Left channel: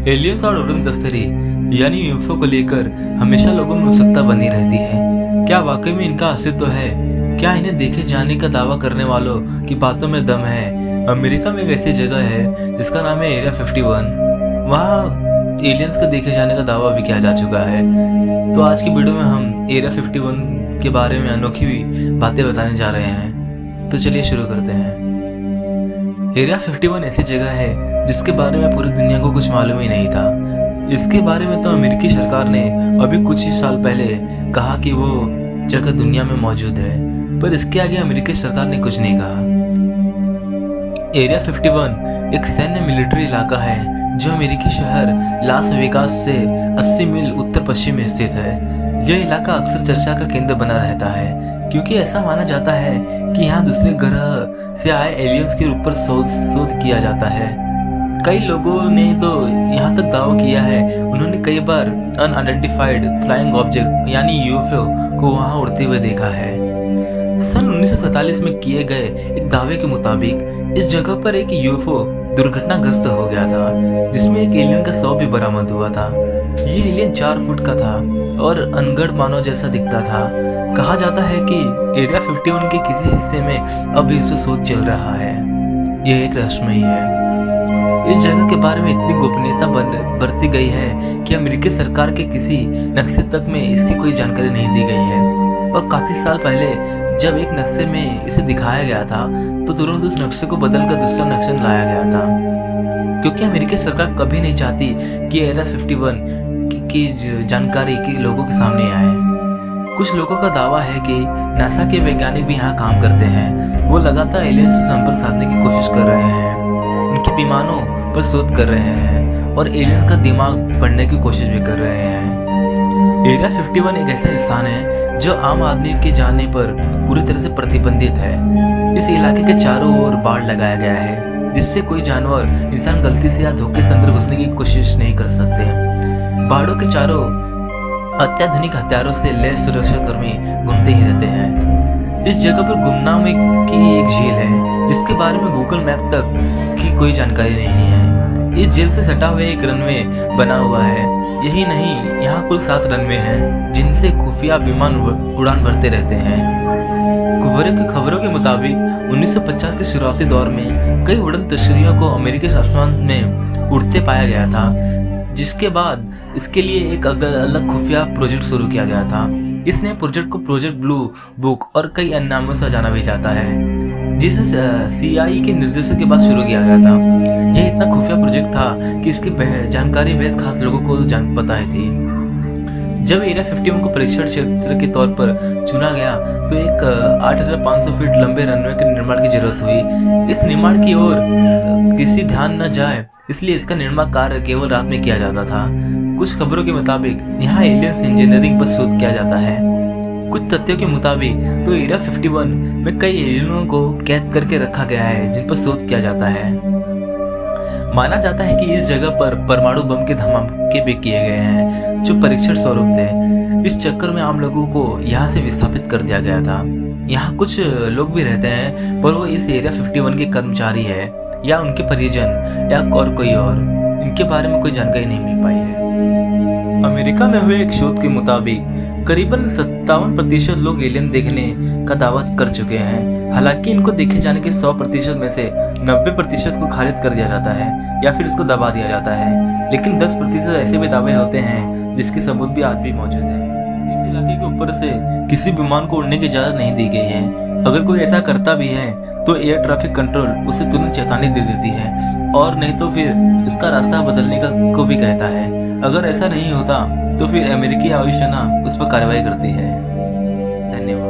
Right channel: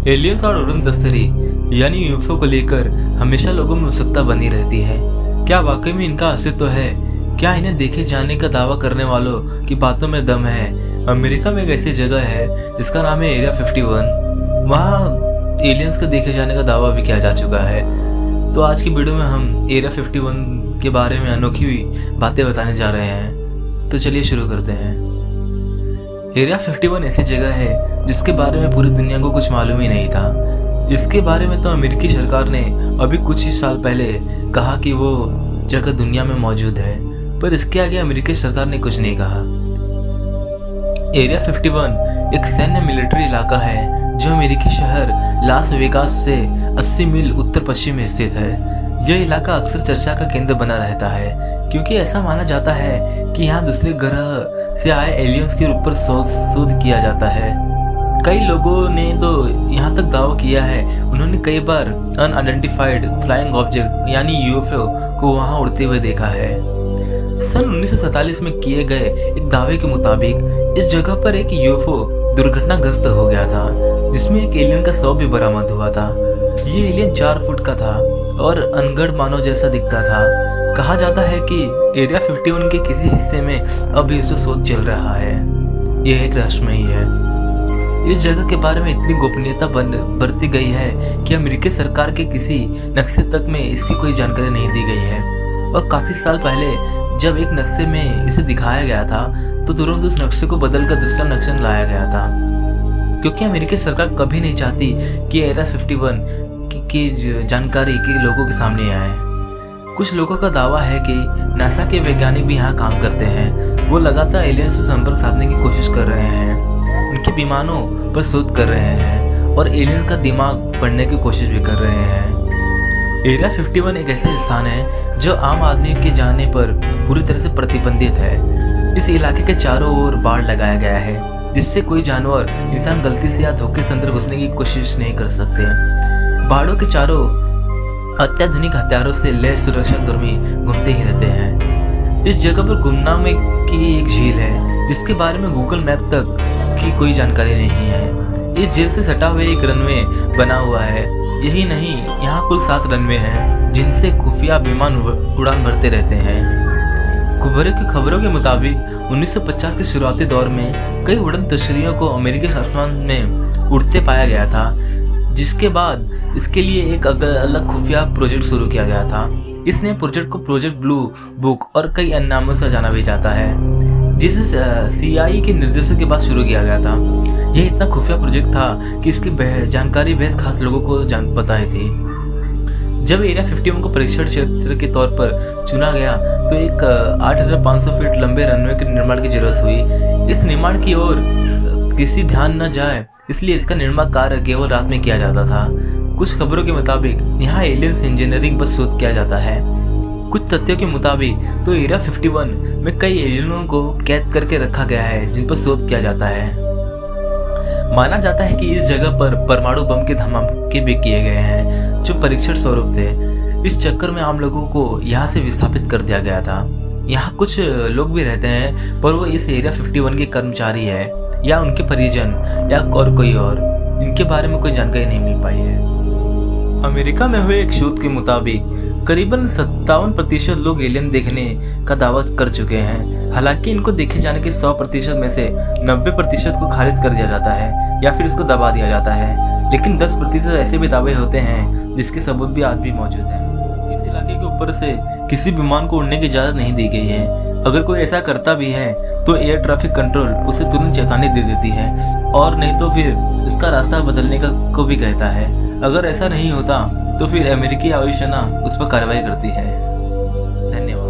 Aliens और उड़न तस्करी यानी यूएफओ को लेकर हमेशा लोगों में उत्सुकता बनी रहती है। क्या वाकई में इनका अस्तित्व है? क्या इन्हें देखे जाने का दावा करने वालों की बातों में दम है? अमेरिका में एक ऐसी जगह है जिसका नाम है एरिया 51। वहाँ एलियंस का देखे जाने का दावा भी किया जा चुका है। तो आज की वीडियो में हम एरिया 51 के बारे में अनोखी बातें बताने जा रहे हैं। तो चलिए शुरू करते हैं। एरिया 51 ऐसी जगह है जिसके बारे में पूरी दुनिया को कुछ मालूम ही नहीं था। इसके बारे में तो अमेरिकी सरकार ने अभी कुछ ही साल पहले कहा कि वो जगह दुनिया में मौजूद है, पर इसके आगे अमेरिकी सरकार ने कुछ नहीं कहा। एरिया 51 एक सैन्य मिलिट्री इलाका है जो अमेरिकी शहर लास वेगास से 80 मील उत्तर पश्चिम में स्थित है। यह इलाका अक्सर चर्चा का केंद्र बना रहता है क्योंकि ऐसा माना जाता है कि यहाँ दूसरे ग्रह से आए एलियंस के ऊपर शोध किया जाता है। कई लोगों ने तो यहाँ तक दावा किया है उन्होंने कई बार अनआइडेंटिफाइड फ्लाइंग ऑब्जेक्ट यानी यूएफओ को वहाँ उड़ते हुए देखा है। सन 1947 में किए गए एक दावे के मुताबिक इस जगह पर एक यूएफओ दुर्घटनाग्रस्त हो गया था जिसमें एक एलियन का शव भी बरामद हुआ था। ये एलियन 4 फुट का था और अनगढ़ मानव जैसा दिखता था। कहा जाता है कि एरिया 51 के किसी हिस्से में अभी इस पर शोध चल रहा है। यह एक रहस्यमयी है। इस जगह के बारे में इतनी गोपनीयता बरती गई है कि अमेरिकी सरकार के किसी नक्शे तक में इसकी कोई जानकारी नहीं दी गई है। और काफी साल पहले जब एक नक्शे में इसे दिखाया गया था तो तुरंत उस नक्शे को बदलकर दूसरा नक्शा लाया गया था, क्योंकि अमेरिकी सरकार कभी नहीं चाहती कि एरिया 51 की जानकारी के लोगों के सामने आए। कुछ लोगों का दावा है कि नासा के वैज्ञानिक भी यहाँ काम करते हैं। वो लगातार एलियंस से संपर्क साधने की कोशिश कर रहे हैं, उनके विमानों पर शोध कर रहे हैं और एलियंस का दिमाग पढ़ने की कोशिश भी कर रहे हैं। एरिया 51 एक ऐसा स्थान है जो आम आदमी के जाने पर पूरी तरह से प्रतिबंधित है। इस इलाके के चारों ओर बाड़ लगाया गया है जिससे कोई जानवर इंसान गलती से या धोखे से अंदर घुसने की कोशिश नहीं कर सकते। बाड़ों के चारों अत्याधुनिक हथियारों से लैस सुरक्षाकर्मी घूमते ही रहते हैं। इस जगह पर गुमनाम की एक झील है जिसके बारे में गूगल मैप तक की कोई जानकारी नहीं है। इस झील से सटा हुआ एक रनवे बना हुआ है। यही नहीं, यहाँ कुल 7 रनवे हैं जिनसे खुफिया विमान उड़ान भरते रहते हैं। खबरों के मुताबिक 1950 के शुरुआती दौर में कई उड़न तस्करियों को अमेरिकी आसमान में उड़ते पाया गया था, जिसके बाद इसके लिए एक अलग खुफिया प्रोजेक्ट शुरू किया गया था। इसने प्रोजेक्ट को प्रोजेक्ट ब्लू बुक और कई अन्य नामों से जाना भी जाता है, जिसे CIA के निर्देशों के बाद शुरू किया गया था। यह इतना खुफिया प्रोजेक्ट था कि इसकी जानकारी बेहद खास लोगों को पता ही थी। जब एरिया 51 को परीक्षण क्षेत्र के तौर पर चुना गया तो एक 8500 फीट लंबे रनवे के निर्माण की जरूरत हुई। इस निर्माण की ओर किसी ध्यान न जाए इसलिए इसका निर्माण कार्य केवल रात में किया जाता था। कुछ खबरों के मुताबिक यहाँ एलियंस इंजीनियरिंग पर शोध किया जाता है। कुछ तथ्यों के मुताबिक तो एरिया 51 में कई एलियनों को कैद करके रखा गया है जिन पर शोध किया जाता है। माना जाता है कि इस जगह पर परमाणु बम के धमाके भी किए गए हैं जो परीक्षण स्वरूप थे। इस चक्कर में आम लोगों को यहाँ से विस्थापित कर दिया गया था। यहाँ कुछ लोग भी रहते हैं पर वो इस एरिया 51 के कर्मचारी है या उनके परिजन या और कोई और, इनके बारे में कोई जानकारी नहीं मिल पाई है। अमेरिका में हुए एक शोध के मुताबिक करीबन 57% लोग एलियन देखने का दावा कर चुके हैं। हालांकि इनको देखे जाने के 100% में से 90% को खारिज कर दिया जाता है या फिर इसको दबा दिया जाता है, लेकिन 10% ऐसे भी दावे होते हैं जिसके सबूत भी आज भी मौजूद हैं। इस इलाके के ऊपर से किसी विमान को उड़ने की इजाज़त नहीं दी गई है। अगर कोई ऐसा करता भी है तो एयर ट्रैफिक कंट्रोल उसे तुरंत चेतावनी दे देती है और नहीं तो फिर इसका रास्ता बदलने को भी कहता है। अगर ऐसा नहीं होता तो फिर अमेरिकी वायुसेना उस पर कार्रवाई करती है। धन्यवाद।